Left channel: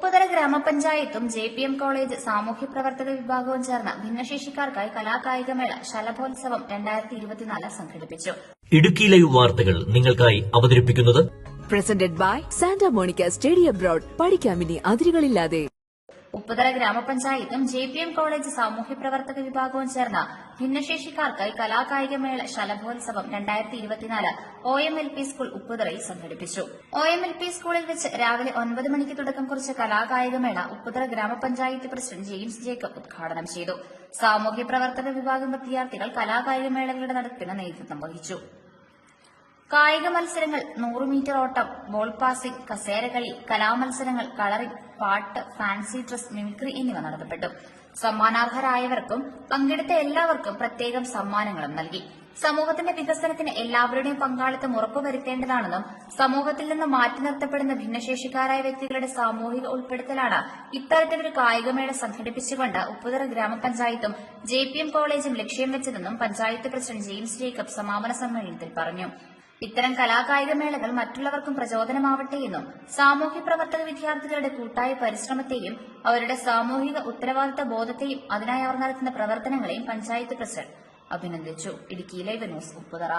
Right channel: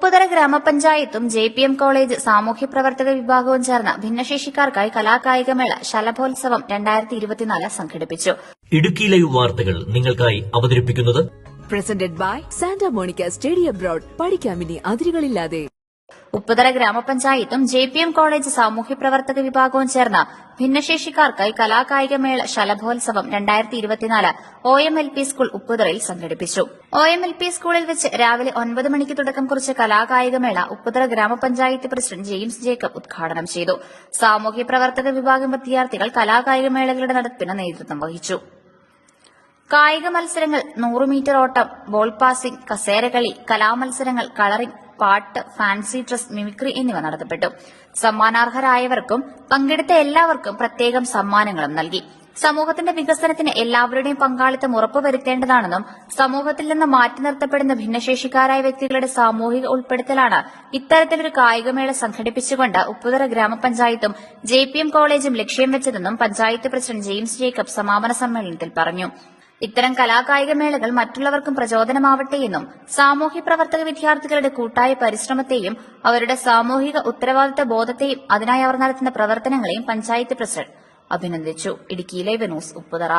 ഉപ്പുതറ ഗ്രാമപഞ്ചായത്തും JPM college സാമൂഹ്യപ്രവർത്തക വിഭാഗവും ചേർന്ന് ഭിന്നശേഷിക്കാർക്കായി കലാകായികമേള ശലഭോത്സവം 2024 സംഘടിപ്പിച്ചു. ഇടുക്കി ലൈവ് വാർത്തകൾ നിങ്ങൾക്കായി അവതരിപ്പിക്കുന്നത് presented by Santa Monica Study Abroad. പഠിക്കാമിനി അതിരുകളില്ലാതെ. ഉപ്പുതറ ഗ്രാമപഞ്ചായത്തും JPM കോളേജ് സാമൂഹ്യപ്രവർത്തക വിഭാഗവും ചേർന്ന് ഭിന്നശേഷിക്കാർക്കായി കലാകായികമേള ശലഭോത്സവം 2024 OMLP സ്കൂൾ ഉപ്പുതറയിൽ സംഘടിപ്പിച്ചു. OMLP സ്കൂളിൽ വെച്ച് രാവിലെ 9 മണിക്ക് തുടക്കം കുറിച്ച കലാകായികമേള ഉപ്പുതറ ഗ്രാമപഞ്ചായത്ത് പ്രസിഡന്റ് ജെയിംസ് ജേക്കബ് ഉദ്ഘാടനം ചെയ്തു. സാമൂഹ്യപ്രവർത്തക വിഭാഗം വിദ്യാർത്ഥികൾ കലാകായികമേളകളുടെ നടത്തിപ്പിന് നേതൃത്വം വഹിച്ചു. കായിക മത്സരങ്ങൾ, 100 മീറ്റർ ഓട്ടം, ബോൾ പാസിംഗ്, കസേരകളി, കലാമത്സരങ്ങൾ, കളറിംഗ്, പാട്ട്, ഫാൻസി ഡ്രസ്, മിമിക്രി എന്നിവ നടത്തപ്പെട്ടു. സമ്മാനാർഹരായവർക്കും പങ്കെടുത്ത എല്ലാവർക്കും പ്രത്യേകം സമ്മാനങ്ങളും നൽകി. സമൂഹത്തിന്റെ വികസനത്തിന് എല്ലാവരുടെയും പങ്കാളിത്തം ഉറപ്പുവരുത്തേണ്ടതാണെന്നും സമൂഹത്തിൽ നിന്ന് മാറ്റി നിർത്തപ്പെടുന്ന ഭിന്നശേഷിക്കാരായ വ്യക്തികളുടെ സാമൂഹിക ഉൾപ്പെടുത്തലാണ് ഇത്തരത്തിലൊരു കായികമേള സംഘടിപ്പിച്ചുകൊണ്ട് ഉപ്പുതറ ഗ്രാമപഞ്ചായത്തും JPM കോളേജും ലക്ഷ്യം വെച്ചതെന്നും പഞ്ചായത്ത് പ്രസിഡന്റ് ജെയിംസ് ജേക്കബ് സമാപന സമ്മേളനത്തിൽ പറഞ്ഞു. ഇത്തരം കലാകായികമേളകൾ മറ്റുള്ളവർക്കും പ്രചോദനമാവട്ടെയെന്നും സാമൂഹ്യപ്രവർത്തക വിദ്യാർത്ഥികളുടെ കൂട്ടായ പരിശ്രമത്തെയും അവരുടെ സാമൂഹിക ഉത്തരവാദിത്ത ബോധത്തെയും അതിനായി അവർ നടത്തുന്ന പ്രവർത്തനങ്ങളെയും പഞ്ചായത്ത് പ്രസിഡന്റ് അഭിനന്ദിച്ചു. Idukki live news Upputhara.